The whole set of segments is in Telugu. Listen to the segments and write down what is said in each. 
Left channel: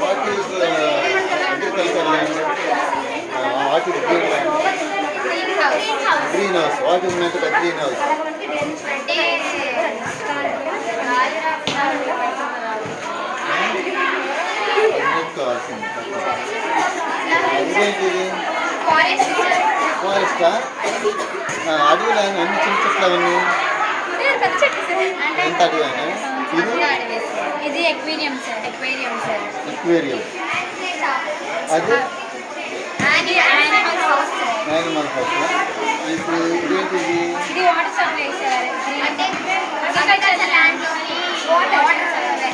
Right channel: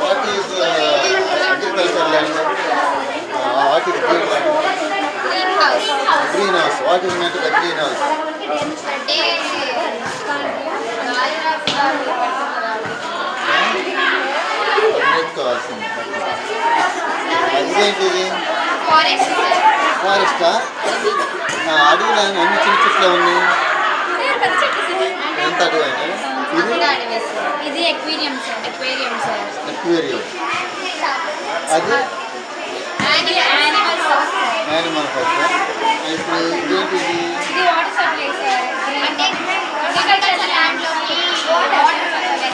what is agriculture land what is green land greenhouse greenhouse what is meant greenhouse అంటే నెట్ కావాల్సింది ఇదేంటిది ఫారెస్ట్ ఫారెస్టా అడవిలో ఎన్ని చిన్న చెట్లు ఉన్నాయి ఎంత అడవి అయినా ఇది? Aquarium sir. Aquarium sir. Aquarium. అది? ఇది యానిమల్స్ యానిమల్ హౌస్ ఇప్పుడు ఇదేంటిది ఇది? Water supply sir. అంటే అగ్రికల్చర్ ల్యాండ్లోకి వాటర్ సప్లై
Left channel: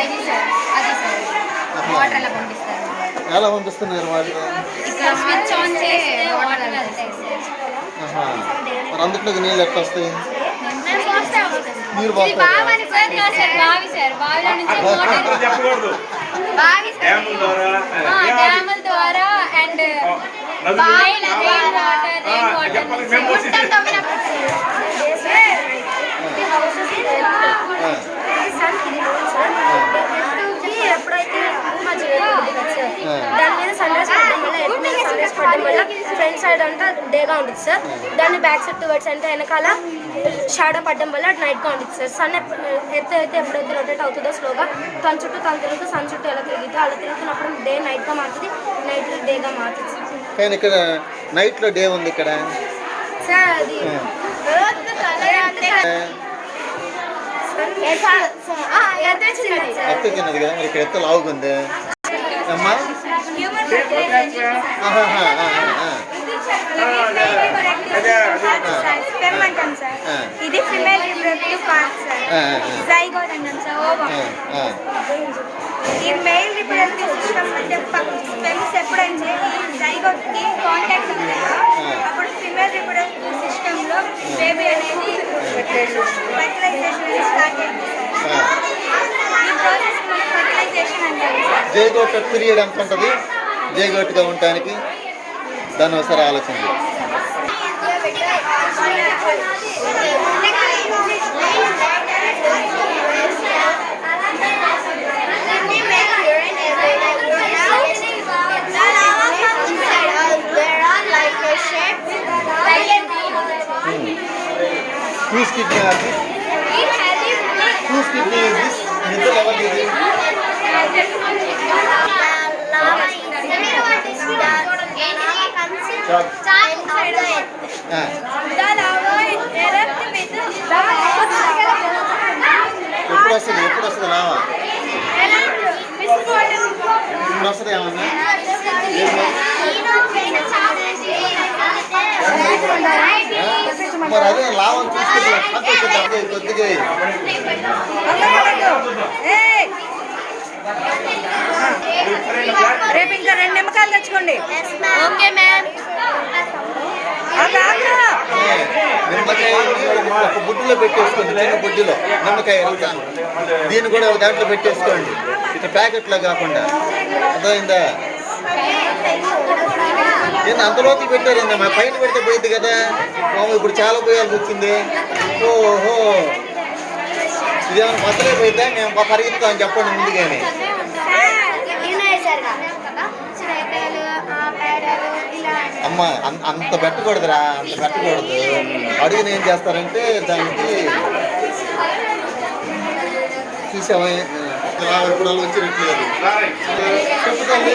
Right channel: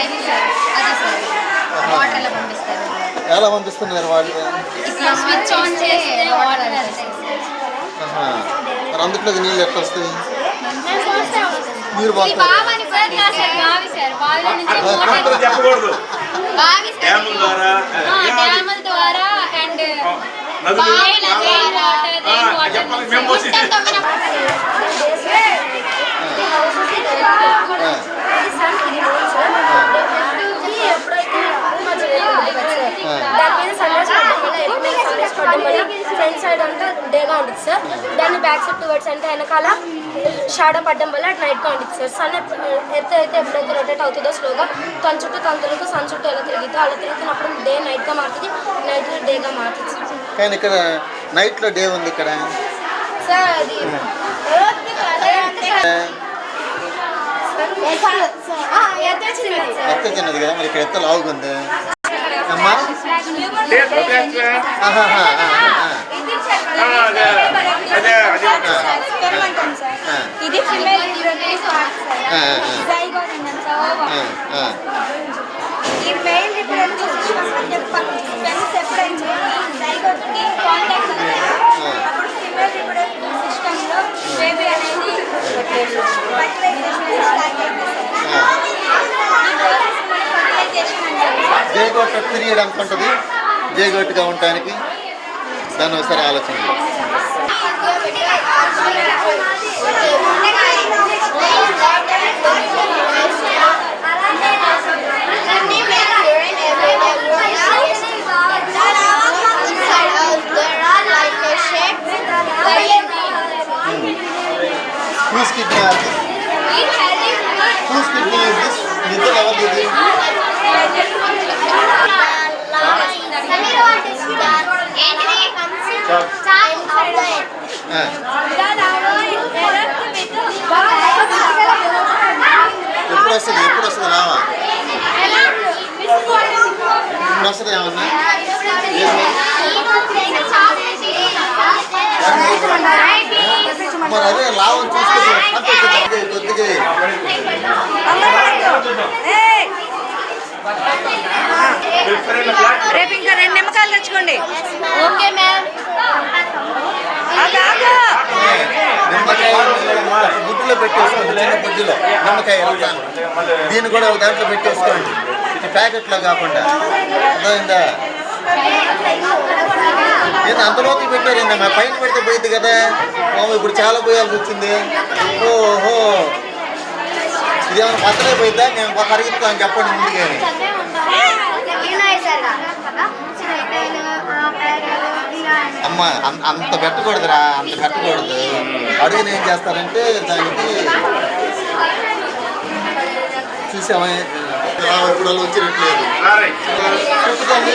అది సార్. అది సార్. వాటర్ అలా పంపిస్తారు. ఎలా పంపిస్తున్నారు వాళ్ళు? ఇట్లా స్విచ్ ఆన్ వాటర్ అందులోకి నీళ్ళు ఎట్లా వస్తాయి? వాటర్ చెప్పకూడదు. బావి సార్ డ్యాముల ద్వారా ఆ, డ్యాముల ద్వారా. అండ్ బావిల రెయిన్ వాటర్ రెయిన్ తవ్వినప్పుడు ఆ. ఎప్పుడైతే దాని మీద సన్రైజ్ సన్రైజ్ పడ్డం వల్ల ఫ్రంట్ సైడ్ అంతా డేగా ఉంటుంది సార్. దాన్ని బ్యాక్ సైడ్ టువర్డ్స్ అంటే వెనకాల షాడో పడ్డం వల్ల నైట్గా ఉంటుంది సార్. సన్ ఎర్త్ అయితే ఎప్పుడైతే రొటేట్ అవుతుందో స్లోగా తన చుట్టూ తన తిరుగుతూ సన్ చుట్టూ ఎలా తిరుగుతుందో అలా తిరుగుతున్నప్పుడు డే నైట్గా మారుతుంది నైట్ డేగా మారుతుంది సార్. కానీ ఇక్కడ నైట్లో డే ఉంది ఇక్కడ. సార్ అది ఎత్త తిన్నది కదా మరి ఇక్కడ ఎత్త లావుగుంది అమ్మా? సార్ ఇది female reproductive part sir zygote అంటాం సార్ ఓవా ఈ మెయిల్ రిప్రొడక్టివ్ సిస్టమ్ అంటే స్పెమ్స్ ఎప్పుడైతే ఈ జైగోట్కి కాంటాక్ట్ అవుతాయో అప్పుడు ఫిమేల్ రిప్రొడక్టివ్లో బేబీ అనేది ఫర్టిలైజేషన్ అనేది స్టార్ట్ అయింది సార్ ఈ ప్రాసెస్ ఫర్టిలైజేషన్ అంటాం జేగోట్ పీరియడ్ ఎంత ఉంటుంది జేగోట్గా ఉండటానికి దాన్ని ఒకసారి ఆలోచన చేయి. Whose kidney are this? Whose kidney is this? నిద్ర ఎవరిది ఇది? ఎప్పుడు వస్తుంది ఎప్పుడు వస్తుంది లావా ఇప్పుడు వస్తుంది ఏమన్నా? మరి అదే లాభం చూసుకుంటే కొద్దిగా రేపు ఇంకా రెండు నిమ్మకాయలు తెచ్చుకోండి. Okay ma'am. బుడ్డిలో పెట్టేసుకోండి చిన్న బుడ్డిలో నిమ్మకాయ దీన్ని కూడా ఒక దాంట్లో పెట్టేసుకోండి ఇది ప్యాకెట్లో కాకుండా అర్థమైందా నేను అంతలోకి పెట్టారు మా పైన పెడితే పోయింది కదా ఓ, ఇప్పుడు చాలా పోయాల్సి వచ్చింది ఓహో. ఇదేమైనా పక్కనే పోయిందా మేము పరిగెత్తామని చెప్పండి ముందుగానే. అమ్మ అంత పెట్టకూడదురా అంత పెట్టకూడదు. అడుగుని ఏం చేస్తారంటే దానికి చూసామా ఇప్పుడు వచ్చినట్లేదు. చెప్పుకోండి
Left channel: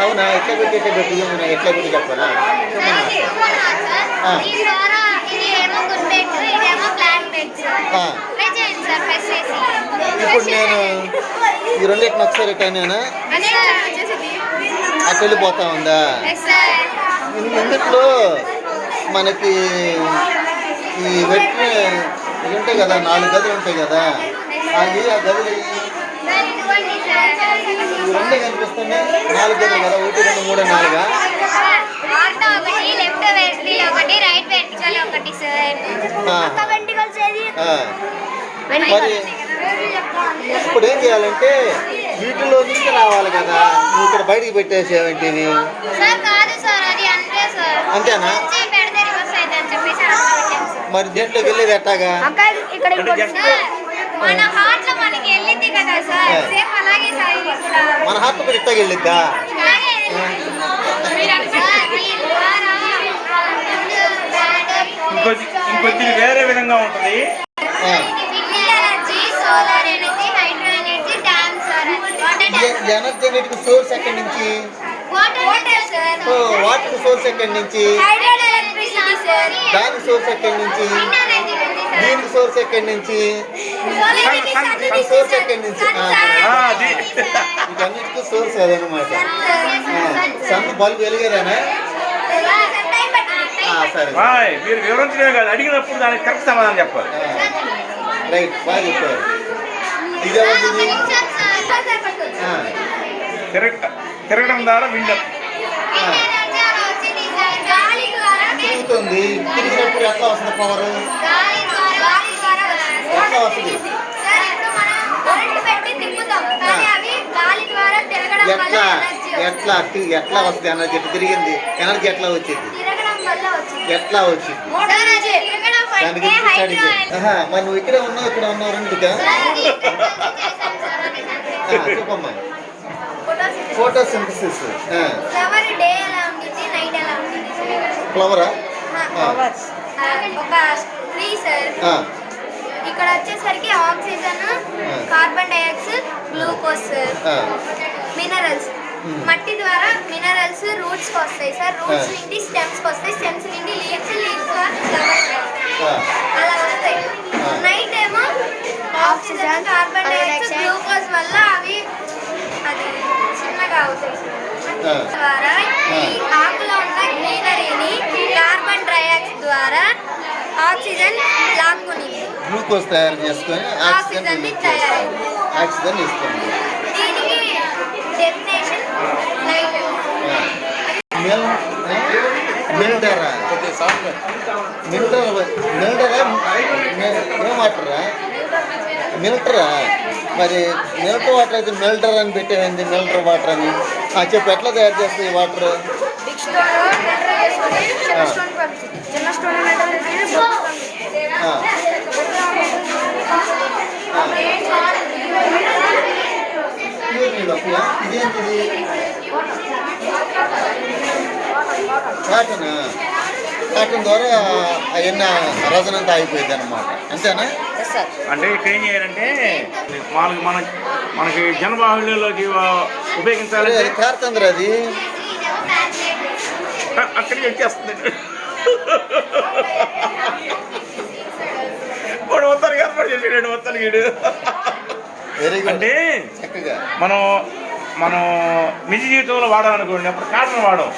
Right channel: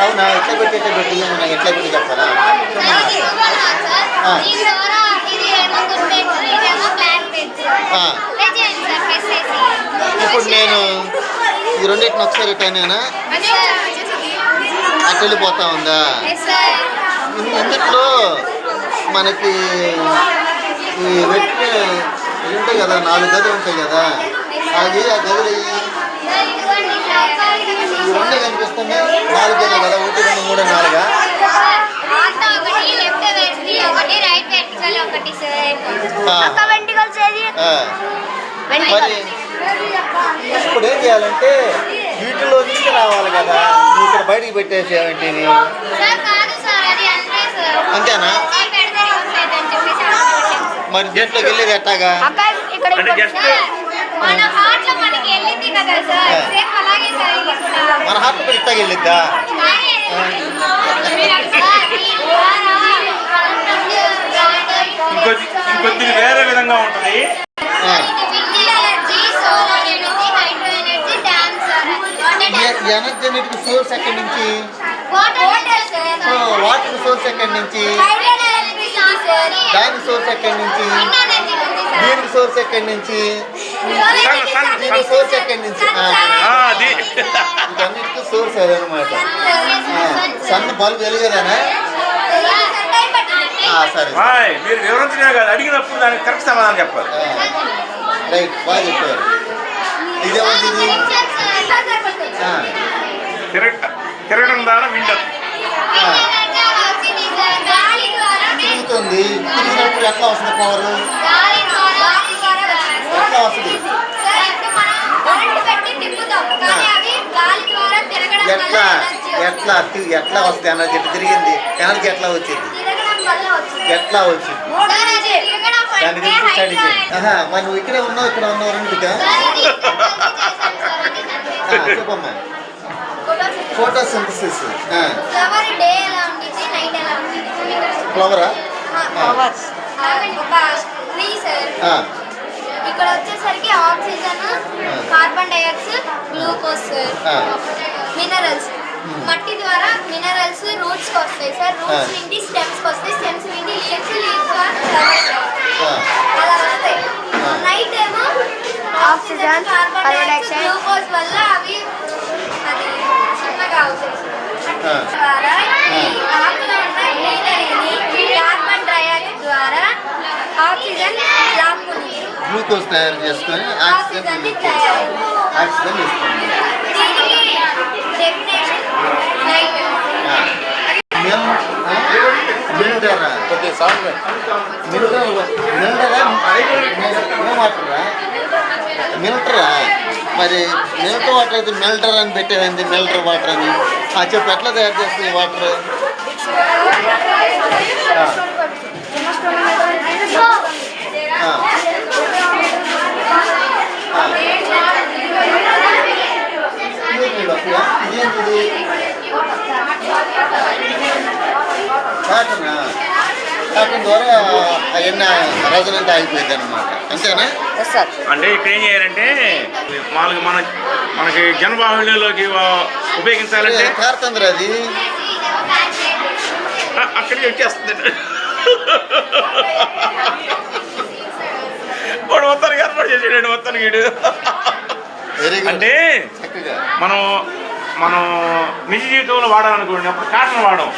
అవునా? ఎట్లా పెట్టి ఎట్లా పెట్టి ఏమన్నా ఎట్లా పెట్టి చెప్పాలా ఇప్పుడు నేను ఈ రెండింటిని ఒకసారి ఎట్టనేనా అటు వెళ్ళిపోతా ఉందా? ఇన్నిట్లో మనకి ఈ ఇవి ఉంటాయి కదా నాలుగు గదులు ఉంటాయి కదా అవి ఆ గదులు సార్ ఇవి రెండే కనిపిస్తున్నాయి. నాలుగు కదా ఒకటి రెండు మూడు నాలుగా. మరి ఇప్పుడు ఏం చేయాలంటే వీటిలో నుంచి రావాలి కదా. నువ్వు ఇక్కడ బయటికి పెట్టేసేవేంటి సార్ కాదు సార్ అది అంతే సార్ అంతేనా. మరి దీంట్లోకి వెళ్ళేది ఎట్టాగా మన హార్ట్ కూడా ఇట్టాగా వెళ్ళిద్దా? ఇంకొద్ది ఇంకొద్ది వేరే విధంగా ఉంటుంది. Energy solar energy hydro energy dam sir ఈ ఎనర్జీ అనేది సోర్స్ ఎక్కడి నుంచి? Water sir so water source ఎక్కడి నుంచి? Hydro electricity sir. దాని సోర్స్ ఎక్కడి నుంచి? విండ్ ఎనర్జీ ఉంది సార్. దీనికి సోర్స్ ఎక్కడి నుంచి? సోర్స్ ఎక్కడి నుంచి ఆ, ఆ, అది వీటన్నిటికీ సోర్స్ అదనమాట సన్ బల్బు వెలిగేదానా సరే హాయ్ మీరు వివరించడమే కాదు అడిగినప్పుడు దానికి కరెక్ట్ సమాధానం చెప్పాలి రైట్ బాగా చెప్పారు ఇది ఎవరిది ఆ, తిరగ తిరగడం ద్వారా విండర్ గాలి ద్వారా తిరుగుతుంది తిరిగినప్పుడు ఎట్లా వస్తుంది పవర్ గాలి ద్వారా ఎట్లా వస్తుంది సార్ ఇప్పుడు మనం కరెంట్ పెట్టి తిప్పుతాం కానీ అవి గాలి ద్వారా తిరగడం వల్ల ఎట్లా? ఎట్లా? ఎట్లా వస్తుంది ఎనర్జీ ఎట్లా తిరిగింది. ఎనర్జీ ఎట్లా వచ్చింది? ఎట్లా వచ్చింది? దాని గురించి స్టడీ చేయండి మరి నువ్వు ఇక్కడే ఉన్నావు ఇక్కడ ఉన్నావు అది చెప్పమ్మా. ఎలా ఉండిద్ది ఫ్లవరా ఇక్కడ వచ్చేసరికి oxygen carbon dioxide glucose. Minerals. మట్టి ద్వారా మినరల్స్ రూట్స్కి వస్తాయి సార్. రూట్స్. నుండి స్టెమ్స్కి వస్తాయి. స్టెమ్స్ నుండి లీవ్స్ లీవ్స్ అలా వస్తాయి. ఆ. నైట్ ఏమో ఆక్సిజన్ కార్బన్ డైఆక్సైడ్ గ్లూకోజ్ వల్ల అవి అది చిన్నగా అవుతాయి. ద్వారా ఈ ఆకులో ఉన్న గ్రీనరీని కార్బన్ డైఆక్సైడ్ ద్వారా ఆక్సిజన్ లాక్కుని గ్లూకోజ్ తయారు చేసుకొని ఆక్సిజన్ ఆక్సిజన్ని తయారు ఆక్సిజన్ ఇస్తుంది. ఏమాటరా మిల్టరా మరి మిల్టర్ వాటర్ అయితే మిల్టర్ అని పెట్టేది మిల్టర్ వాటర్ అని ఆ. చెప్పు ఎట్లా తయారు చేస్తుంది వాటర్ ఇదేంటిది కాటనా? కాటన్ ద్వారా అవన్నీ రజనంతా అయిపోయింది అనమాట అంతేనా అంటే ఇక్కడ ఏం చేయాలంటే మామూలుగా మన మనకి జనబాహుళ్యంలోకి ఉపయోగించాలంటే కారుతుంది అది? అక్కడికి వచ్చేస్తుంది. వాడు మొత్తానికి ఏర్పాటు చేసాడు మొత్తానికి అంటే మనం మనం నిజ జీవితంలో వాడాలనుకోండి అప్పుడు కాటన్ వాడం.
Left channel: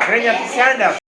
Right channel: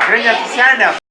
అక్కడ ఏం చేస్తాం శాండ్